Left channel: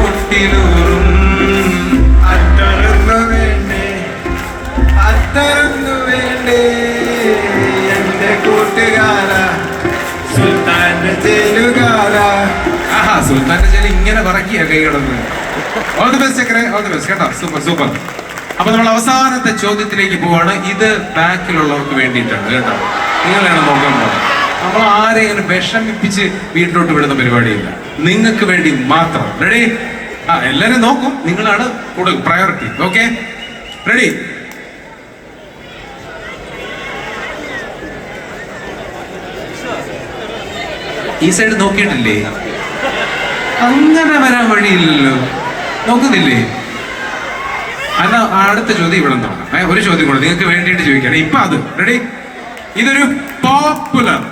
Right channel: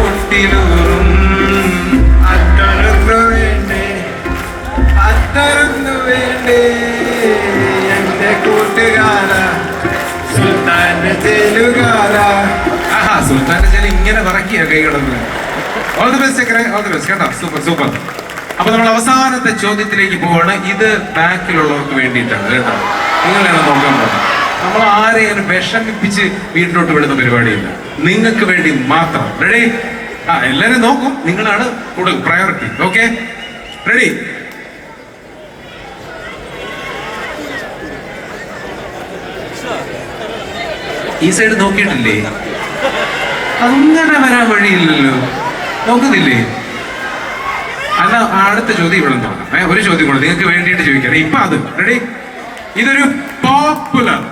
പൊട്ടിലൂറും അത്തരന്നു വേണ്ടേ എന്റെ കൂട്ടുകാരാ സുൽത്താന്റെ ജയിലുകാരാ. ആഹാ, സുൽത്താന്റെ ജയിൽ ഇങ്ങനെ പറക്കിയ കൈ കിടന്ന്. ഓൾ ദി ബെസ്റ്റ് ചക്കരെ, ഓൾ ദി ബെസ്റ്റ് കേട്ടോ. Super super. അപ്പൊ നമ്മൾ അവസാനത്തെ ചോദ്യത്തിലേക്ക് പോവാണ്. ഇത് ബാക്കിലുള്ളവർക്ക് വേണ്ടിയിട്ടാണ് കേട്ടോ. നിങ്ങളാണ് നോക്കാൻ പോകുന്നത്. നമ്മൾ ആരെയും വിഷമിപ്പിച്ച് വീട്ടിലോട്ട് വിടുന്ന പരിപാടിയില്ല, നിങ്ങൾക്ക് വേണ്ടി മാത്രം. റെഡി? ആ, എല്ലാരും നോക്കും, നിങ്ങളാണ് കൂടുതൽ പ്രയോറിറ്റി. Okay, ready? ഈ സൈഡ് നോക്കിയിട്ടില്ലേ? അങ്ങനെ വരാൻ വഴിയില്ലല്ലോ. നോക്കുന്നില്ലേ? അല്ല, അടുത്ത ചോദ്യം ഇവിടെ നോക്കാം. ഒരു ചോദ്യം കൂടെ നിങ്ങൾക്ക് വേണ്ടിയിട്ട് ചോദിക്കണം. ഇപ്പൊ അത് റെഡി? ഇതൊരു പോപ്പുലർ